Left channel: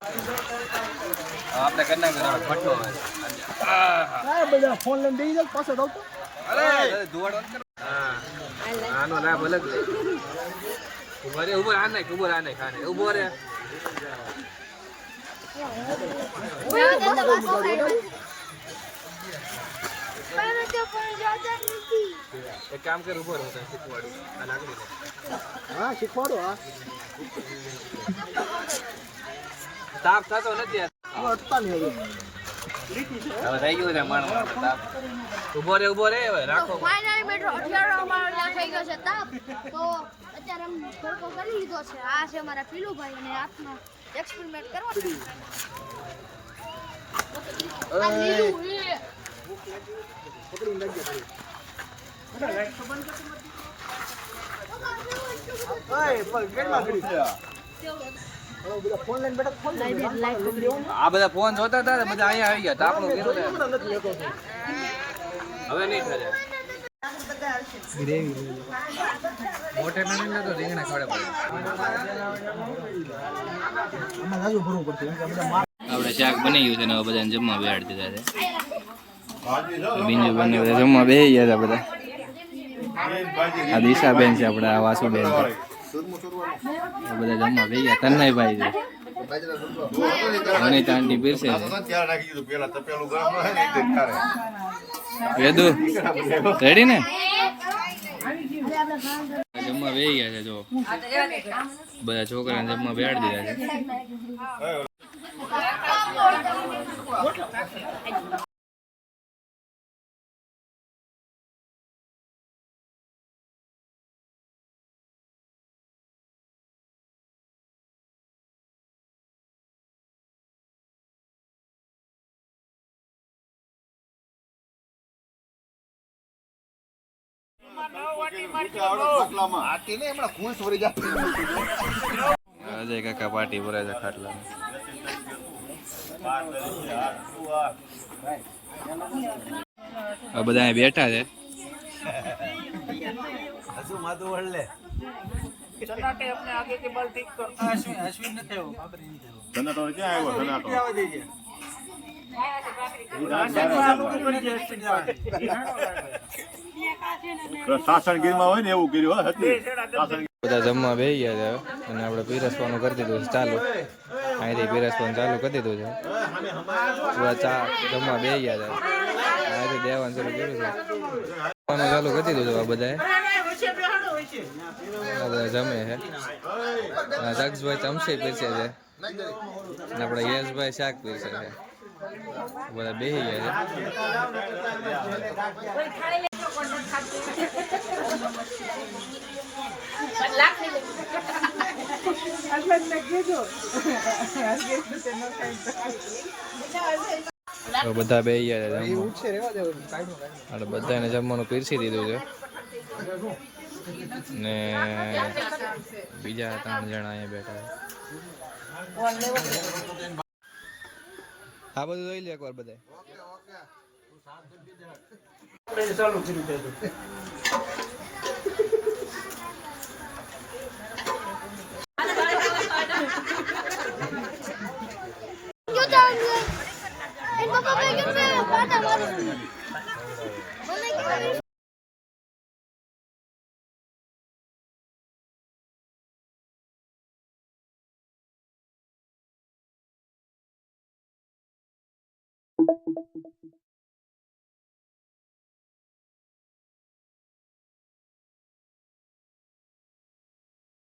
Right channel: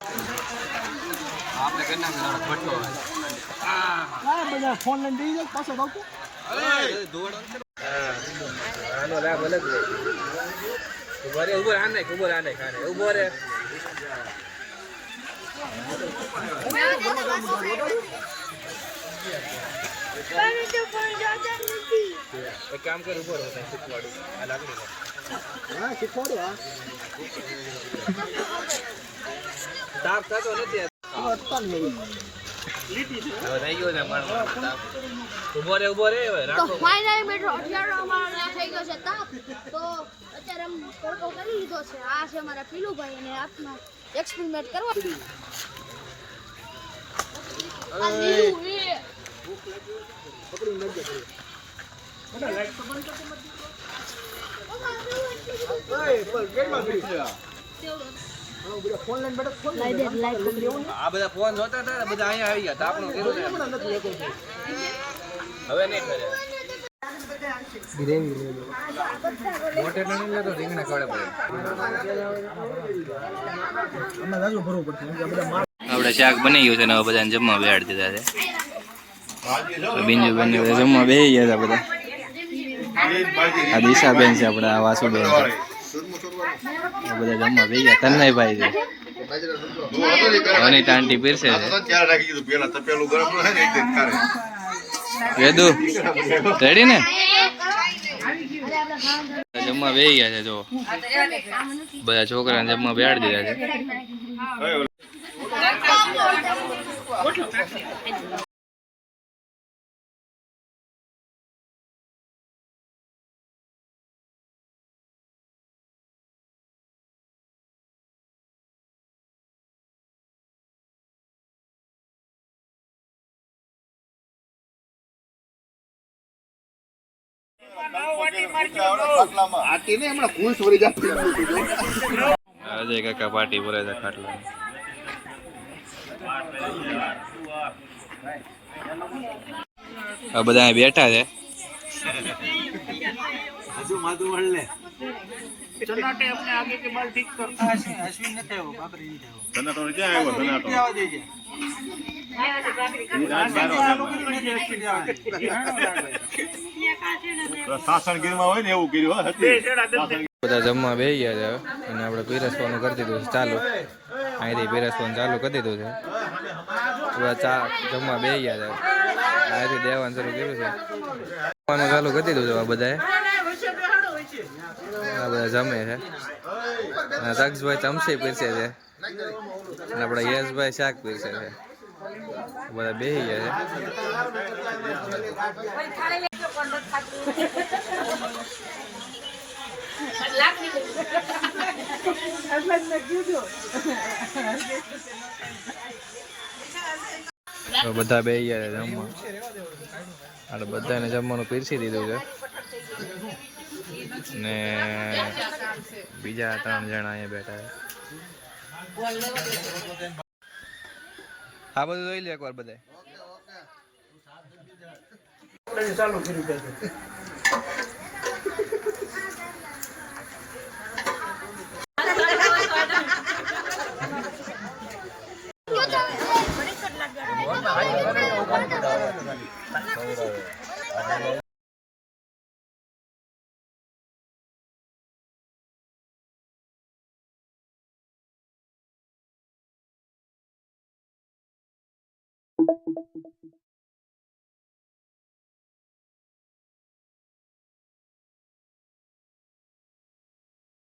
આપણે કરના કરો ફટલો હા બધા ફોન લઈને બેસી જાવ પાછો આવતો અરે દોડ આનો લાભ અલગ ઉભરે ઉભર આ નાખ ઉભર આ નાખ ખાને ઉભો રે એક કામ કર ઉભો રહો શીખવાડું આ લાકડી હા શીખવાડો હા તાપ થતો નથી અટતા નહીં લીટી છે રહી ગયો છે મારો ઉભો રે નાખો ફાઇનલ મેટ્રો 18 અમારો ત્યાં થઈ ગયો છે તાપ તો અત્યારે એમ તડકો કરી લીધો છે આ છે અમારા પીલુભાઈ અને હાથમાં એક્સપેરિમેન્ટ કરવા આ લીલું એ પકડી લઈ જાય બધા લાઈટ તો બંધ કરતો મત ઓય પર ગેટમાં પડી છે હલો બધા ફોન લઈને બેઠા ફોન લઈને આ બધા ફોન હતા બધા અહીંયા આવી ગયા આપણો નથી લેતો હવે નહીં કરે ગ્રેવી લે લો મોટે નહીં લેતો રીંગણા ખવડે પડે આમાં જાજુ ભરવું પડશે કેમ કે આ બધા આપણે શાક બની ગયું છે ને હવે બધાને જમવા બેહાડી દીધા છે બીજું બંને બધા જમવા બેસી ગયા હતા બધા આ દિશાબેન છે આપણે આ વાસુબેન છે બધા જમવા બેસી ગયા તન્નાઈભાઈ છે અનિતા આંટી પીરસે છે વેદુ રેડી ને જમવા બેસી ગયા છે જો બધા છોકરાને જમવા બેહાડી દીધા છે અજય કાકા પાર્ટી ભરે છે ખાટલા બધા અહીં બેઠા છે સાસણગીરમાં હોય ને એવું કર્યું બધા જમવા બેસી ગયા છે અને આપણે પીરસવાનું કરી દીધું છે ચાલુ અહીંથી પીરસવાનું ચાલુ કરી દીધું છે બધા ચા જમવા બેસી ગયા છે અહીંથી દેવાનું શરૂ કર્યું છે જમવાનું ચાલુ કરી દીધું છે આ બધાએ આ બધા જમે છે સક્ષભાઈ ચમચી પીરસે છે અને આપણા યશભાઈ શાક પીરસે છે બધા બેસી ગયા છે બધા બેસી ગયા છે જમવા અને બધાને જમવાનું પીરસી દીધું છે ને બીજા 3 જણા અહીંયા બેઠા છે આ બધું જોઈ લે એકવાર બધા ચાલુ કર્યું છે